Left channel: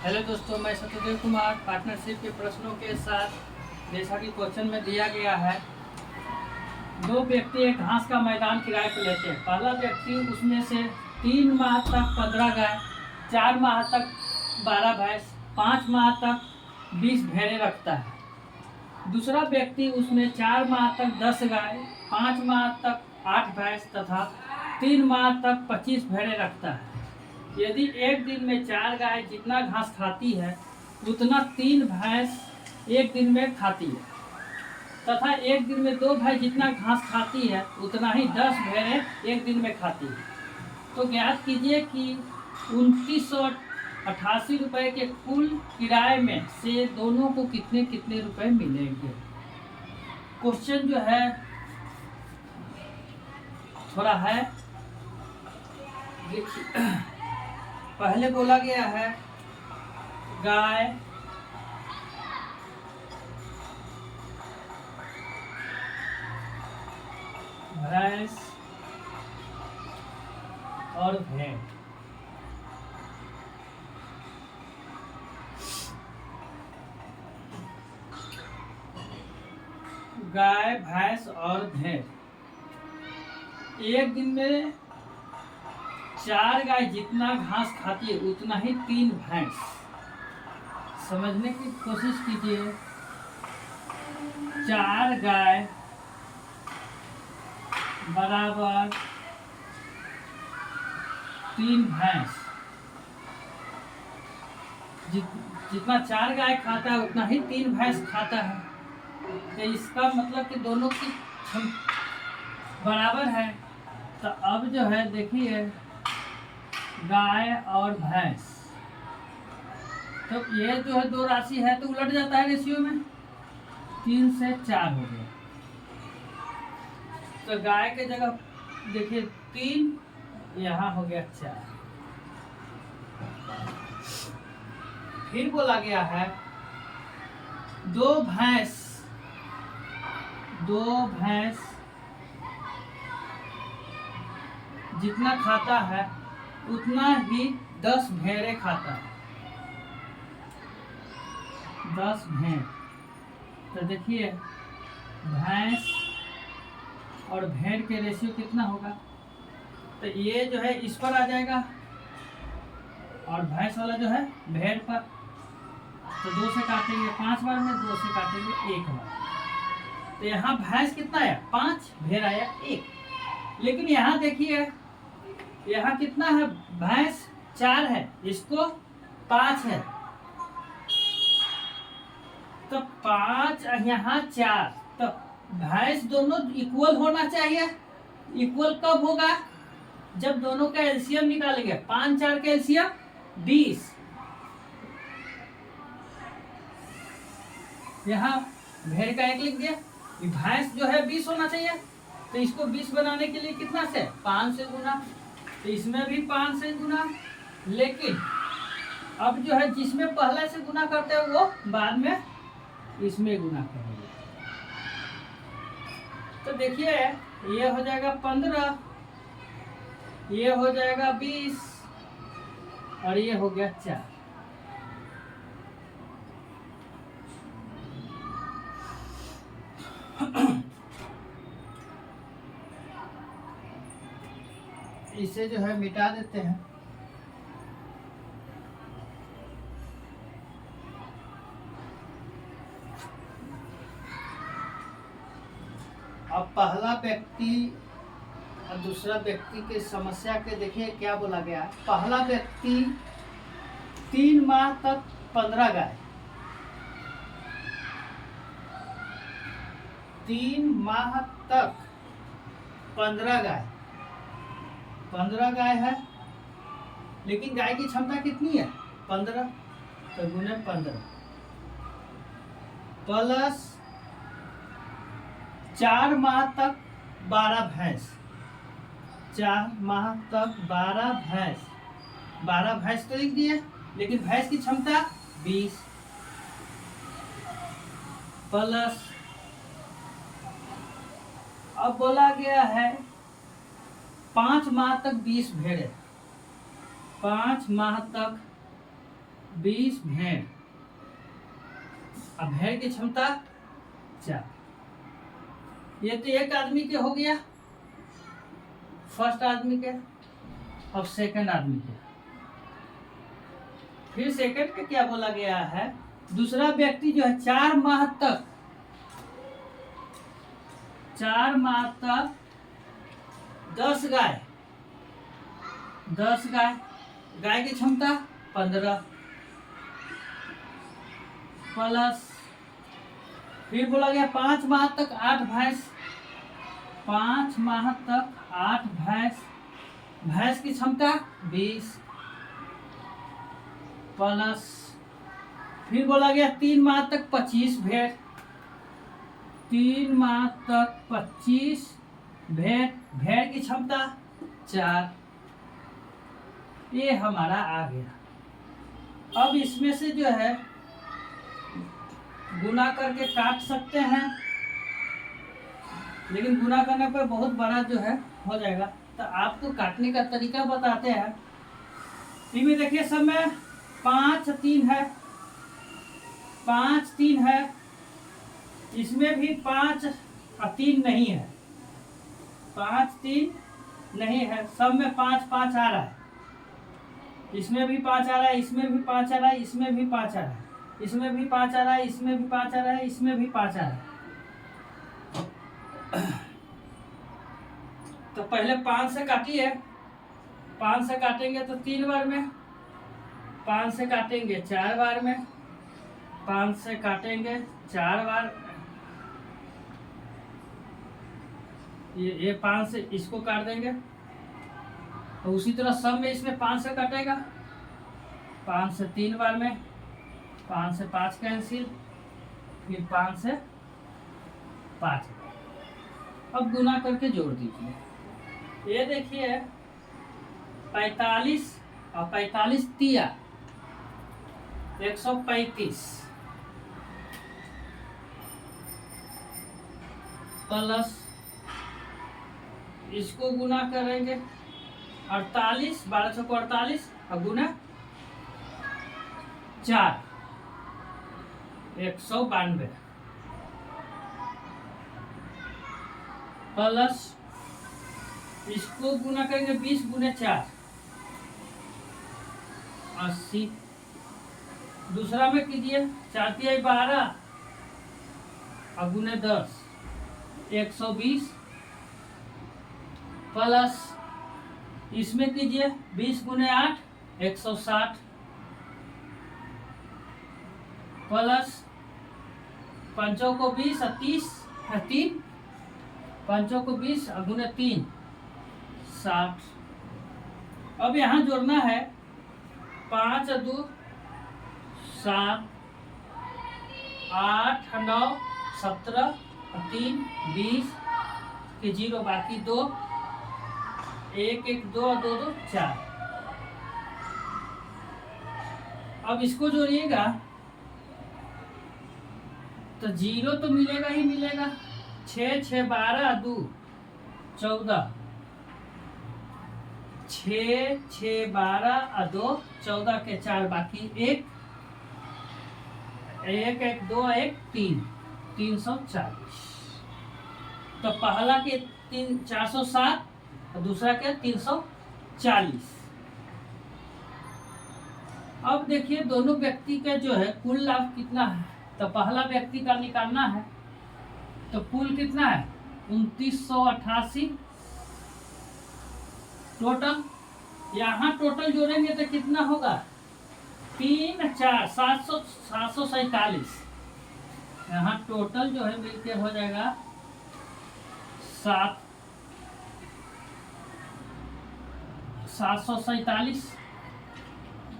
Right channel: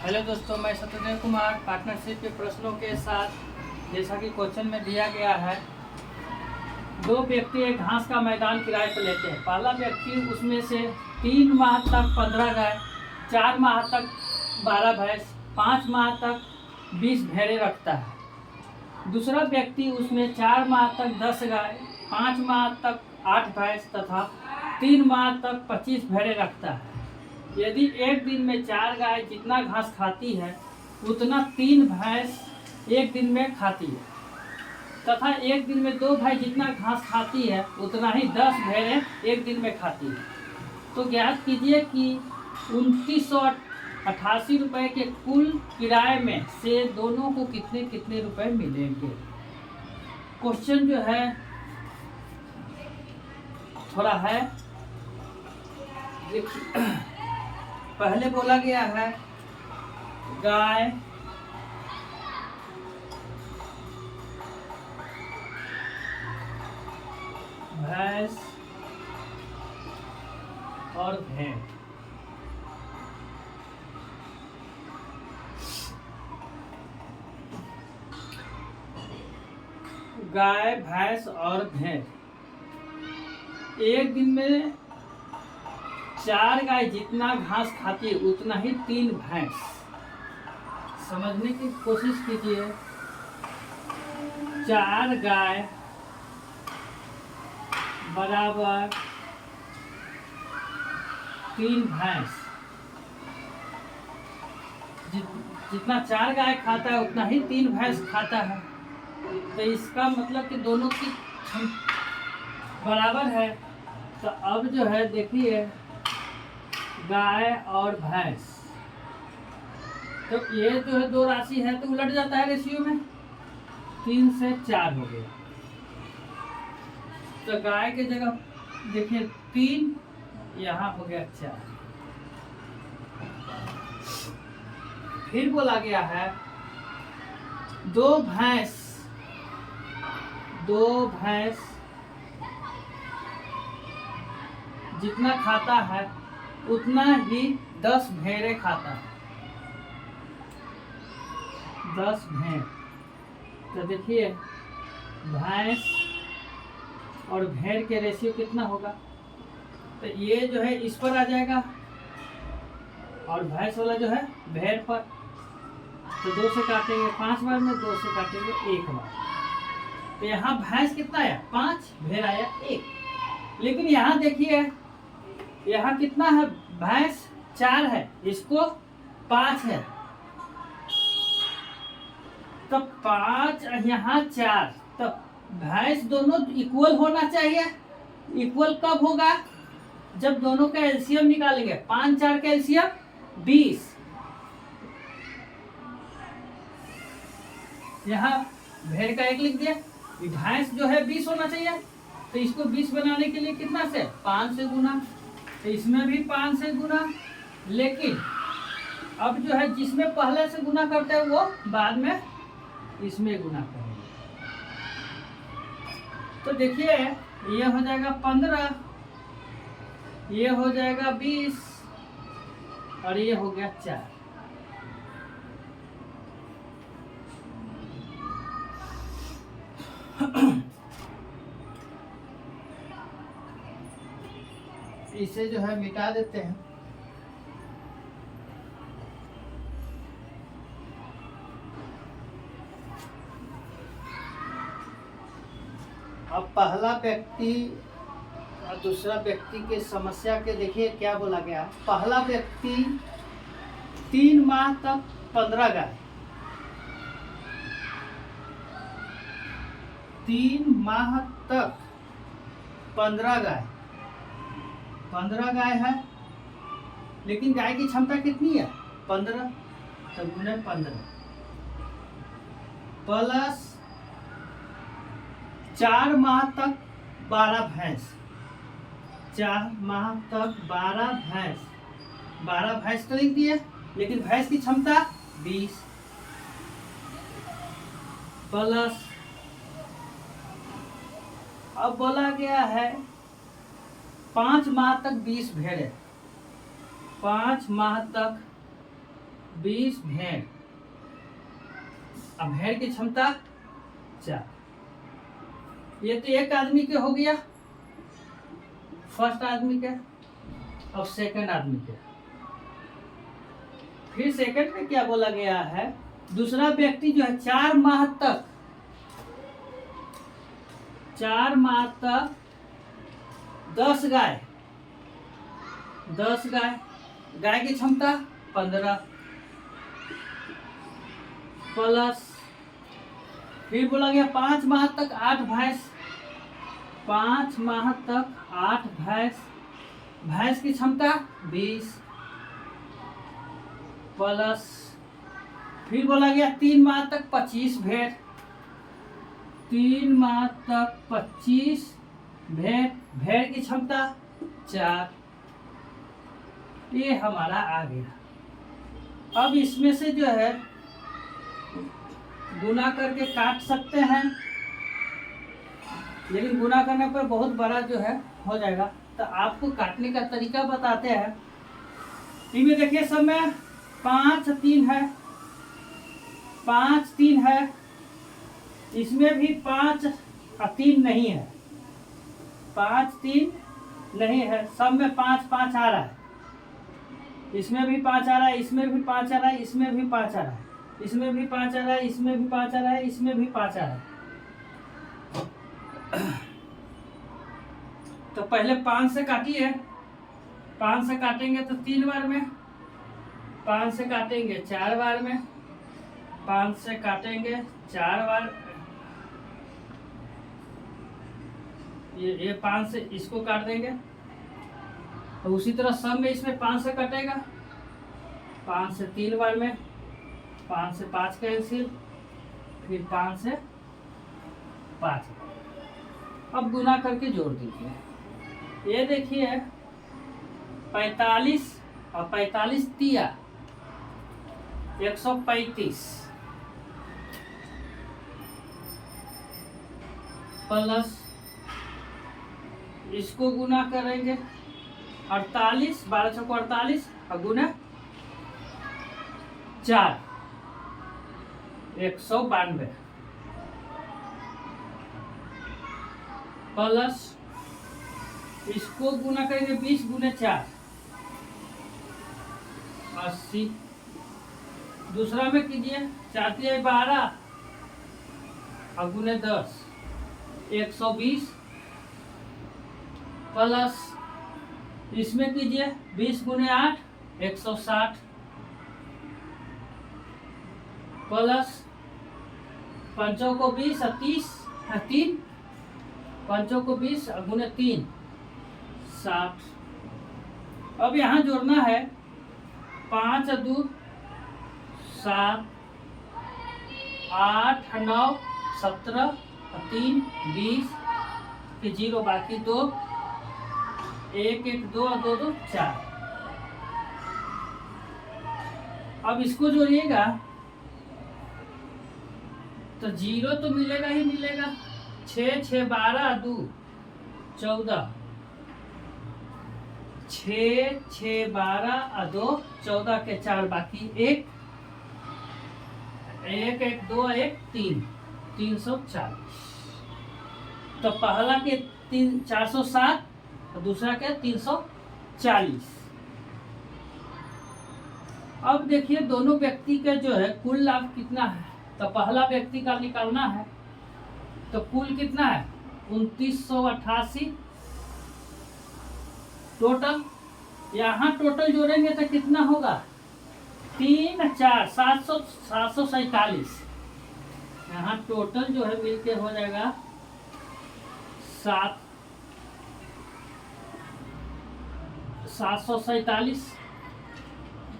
Hello दोस्तों, मैं Satyadev Kumar partnership के प्रश्नों के साथ, जैसा कि क्वेश्चन में दिया गया है, दो व्यक्ति एक घास का मैदान किराए पर लेते हैं। पहला व्यक्ति उसमें से 3 माह तक 15 गाय, 4 माह तक 12 भैंस, 5 माह तक 20 भेड़ें रखता है। दूसरा व्यक्ति उसमें 4 माह तक 10 गाय, 5 माह तक 8 भैंस तथा 3 माह तक 25 भेड़ें रखता है। यदि एक दिन में 4 गाय जितना घास खाती है उतना 3 भैंस एक दिन में खाती है, तथा एक दिन में 2 भैंस जितना घास खाती है उतना ही 10 भेड़ें एक दिन में खाती है, तो ज्ञात कीजिए कि 2988 रुपये के कुल किराए में से दोनों को कितने कितने रुपए मिलेंगे। क्वेश्चन जो है थोड़ा है, पहले बोला गया है गाय, भैंस और भेड़। गाय, भैंस और भेड़ एक दिन में 4 गाय जितना घास खाती है उतना ही 3 भैंस। समझने की कोशिश कीजिए। 4 गाय बराबर 3 भैंस। जितना 4 गाय खाता है उतना ही 3 भैंस खाता है, तो इसका मतलब कि दोनों की बराबर है। तो अब जो है देखिए, गाय और भैंस, तो ये जो है दो राशि है तो उलट जाता है रेशियो में, 3 से 4 हो गया। तो गाय के जगह देखिए 3, यहाँ हो गया 4। फिर बोला गया है दो भैंस जितना खाता है उतना ही 10 भेड़ें खाता है। 10 भेड़, तो देखिए भैंस और भेड़ के रेशियो कितना होगा, तो ये जो है इस पर आ जाएगा और भैंस वाला जो है भेड़ पर, तो 2 से काटेंगे 5 बार में, 2 से काटेंगे 1 बार। तो यहाँ भैंस कितना है 5, भेड़ आया 1। लेकिन यहाँ देखिए, यहाँ कितना है, भैंस 4 है, इसको 5 है, तो 5 यहाँ 4, तो भैंस दोनों इक्वल होना चाहिए। इक्वल कब होगा, जब दोनों का एलसीएम निकालेंगे। 5 4 का एलसीएम 20। यहाँ भेड़ का 1 लिख दिया। भैंस जो है 20 होना चाहिए, तो इसको 20 बनाने के लिए कितना से 5 से गुना, तो इसमें भी 5 से गुना। लेकिन अब जो है जिसमें पहले से गुना करते हैं वो बाद में इसमें गुना करेंगे। तो देखिए ये हो जाएगा 15, ये हो जाएगा 20 और ये हो गया 4। इसे जो है मिटा देते हैं। अब पहला व्यक्ति और दूसरा व्यक्ति के समस्या के देखिए क्या बोला गया है। पहला व्यक्ति 3 माह तक 15 गाय, 3 माह तक 15 गाय, 15 गाय है, लेकिन गाय की क्षमता कितनी है 15, तो गुने 15 प्लस 4 माह तक 12 भैंस, 4 माह तक 12 भैंस, 12 भैंस तो लिख दिए, लेकिन भैंस की क्षमता 20 प्लस, अब बोला गया है 5 माह तक 20 भेड़ें, 5 माह तक 20 भेड़। अब भेड़ की क्षमता 4। ये तो एक आदमी के हो गया, फर्स्ट आदमी के। अब सेकंड आदमी के। फिर सेकंड में क्या बोला गया है, दूसरा व्यक्ति जो है 4 माह तक 10 गाय, 10 गाय, गाय की क्षमता 15 प्लस, फिर बोला गया 5 माह तक 8 भैंस, 5 माह तक 8 भैंस, भैंस की क्षमता 20 प्लस, फिर बोला गया 3 माह तक 25 भेड़, 3 माह तक 25 भेड़, भेड़ की क्षमता 4। ये हमारा आ गया। अब इसमें से जो है गुना करके काट सकते हैं, लेकिन गुना करने पर बहुत बड़ा जो है हो जाएगा, तो आपको काटने का तरीका बताते हैं। इनमें देखिए सब में 5 3 है, 5 3 है, इसमें भी 5 और 3 नहीं है, 5 3 नहीं है, सब में 5 5 आ रहा है, इसमें भी 5 आ रहा है, इसमें भी 5 आ रहा है, इसमें भी 5 आ रहा है, इसमें भी 5 आ रहा है, इसमें भी 5 आ रहा है, इसमें भी 5 आ रहा है। तो पहले 5 से काटिए, 5 से काटेंगे तो 3 बार में, 5 से काटेंगे 4 बार में, 5 से काटेंगे 4 बार, ये 5 से इसको काट देंगे, तो उसी तरह सब में इसमें 5 से कटेगा, 5 से 3 बार में, 5 से 5 कैंसिल, फिर 5 से 5। अब गुना करके जोड़ दीजिए। ये देखिए 45 और 45 तिया 135 प्लस इसको गुना करेंगे 48, 12 छक्को 48 और गुना 4 192 प्लस इसको गुना करेंगे 20 गुने 4 80। दूसरा में कीजिए 4 तिया 12 और गुने 10 120 प्लस इसमें कीजिए 20 गुने 8 160 प्लस 5 को 20 और 30 है 3, 5 को 20 और गुने 3 60। अब यहाँ जोड़ना है 5 2 7 8 9 17 और 3 20 के 0 बाकी 2 1 1 2 और 2 2 4। अब इसको जोड़िएगा तो 0 तो मिलेगा ही मिलेगा, 6 6 12 2 14, 6 6 12 और 2 14 के 4 बाकी 1 1 1 2 1 3 340। तो पहला के 407 और दूसरा के 340। अब देखिए दोनों व्यक्ति के जो है कुल लाभ कितना है, तो पहला व्यक्ति का निकालना है, तो कुल कितना है 2988 टोटल। यहाँ टोटल जोड़ेंगे तो कितना होगा 3 4 747। यहाँ टोटल जो है मिलकर हो जाएगा 747।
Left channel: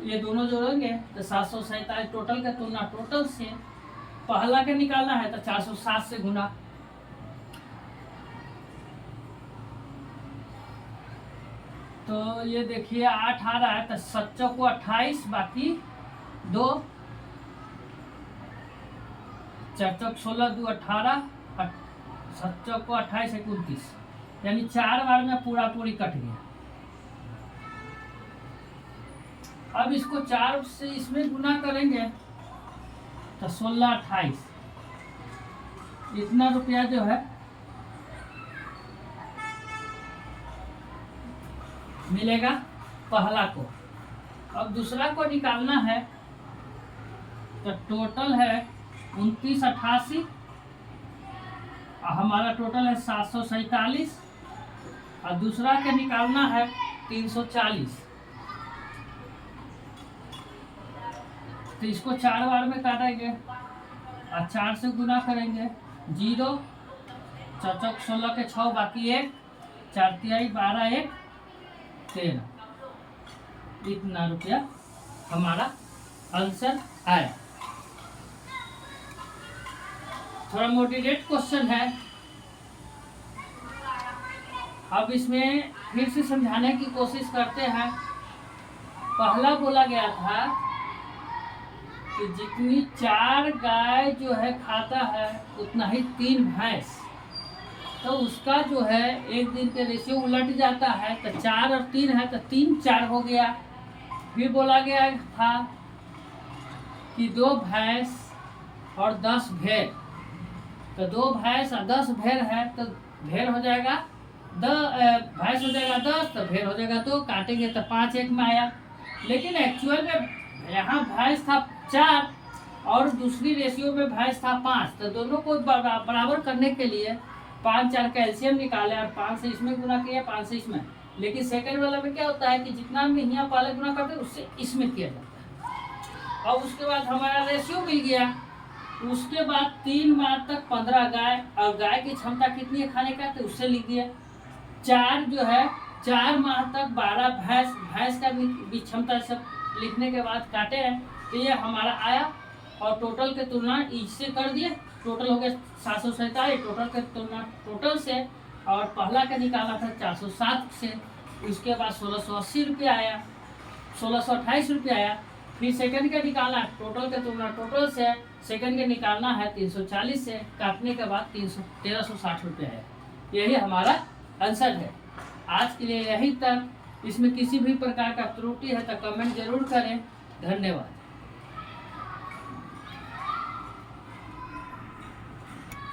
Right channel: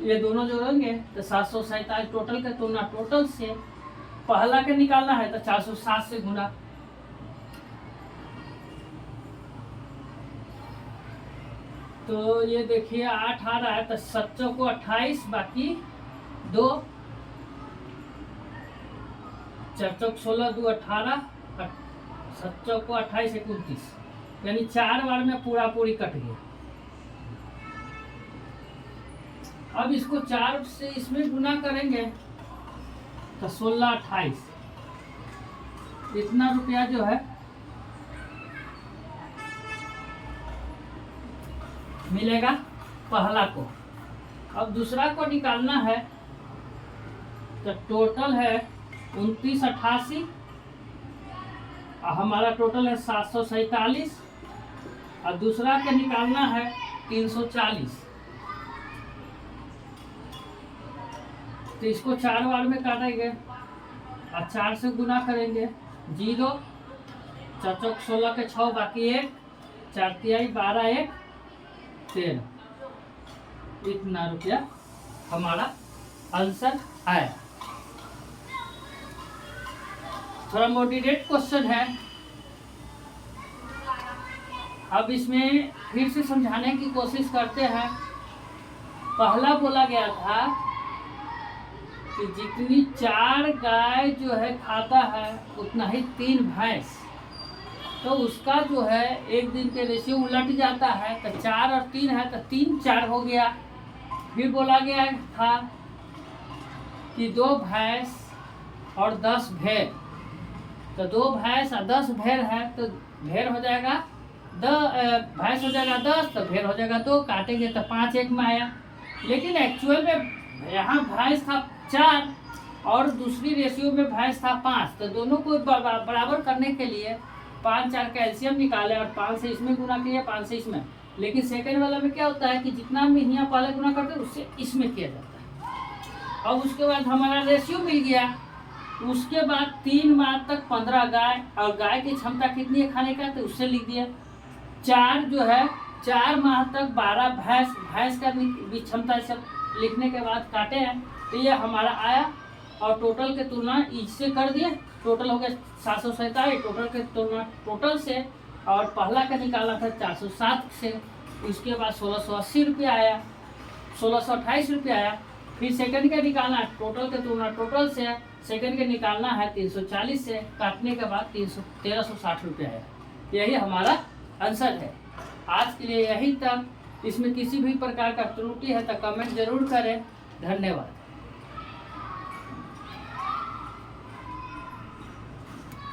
ये दोनों जोड़ेंगे तो 747 टोटल का तुलना टोटल से पहला के निकालना है तो 407 से गुना। तो ये देखिए 8 आ रहा है तो 7 को 28 बाकी 2 4 16 2 18 7 को 28 29, यानी 4 बार में पूरा पूरी कट गया। अब इसको 4 से इसमें गुना करेंगे तो 16 28 इतना रुपया जो है मिलेगा पहला को। अब दूसरा को निकालना है तो टोटल है 2988 और हमारा टोटल है 747 और दूसरा के निकालना है 340। तो इसको 4 बार में काटेंगे और 4 से गुना करेंगे। 0 4 चौक 16 के 6 बाकी 1 4 तिहाई 12 1 13 इतना रुपया हमारा आंसर आया। थोड़ा मोटिवेट क्वेश्चन है। अब इसमें फिर से समझाने की कोशिश करते हैं। पहला बोला गया था कि जितनी 4 गाय जो है खाता है उतना ही 3 भैंस, तो उसका जो है एक दिन के रेशियो उलट जाता है। तो 4 और 3 है तो 3 4 हो गया। फिर बोला गया था कि 2 भैंस और 10 भेड़, तो 2 भैंस और 10 भेड़ है तो भेड़ हो जाएगा भैंस हो जाएगा 10 तो भेड़ हो जाएगा 2, काटेंगे तो 5 1 में आया। लेकिन एक्चुअल में यहाँ भैंस था 4 और दूसरी रेशियो में भैंस था 5, तो दोनों को बराबर करने के लिए 5 4 कैल्शियम निकाले और 5 से इसमें गुना किया 5 से इसमें। लेकिन सेकंड वाला में क्या होता है कि जितना हम यहाँ पहले गुना करते हैं उससे इसमें किया जाता है। और उसके बाद हमारा रेशियो मिल गया। उसके बाद 3 माह तक 15 गाय, और गाय की क्षमता कितनी है खाने का तो उससे लिख दिया। 4 जो है 4 माह तक 12 भैंस का भी क्षमता सब लिखने के बाद काटे हैं तो ये हमारा आया। और टोटल के तुलना इससे कर दिए, टोटल हो गया 747 टोटल के तुलना टोटल से, और पहला का निकाला था 407 से। उसके बाद 1680 रुपया आया, 1628 रुपया आया। फिर सेकंड का निकालना टोटल के तुलना टोटल से, सेकंड के निकालना है 340 से, काटने के बाद 1360 रुपया आया। यही हमारा आंसर है। आज के लिए यही तक। इसमें किसी भी प्रकार का त्रुटि है तो कमेंट जरूर करें। धन्यवाद।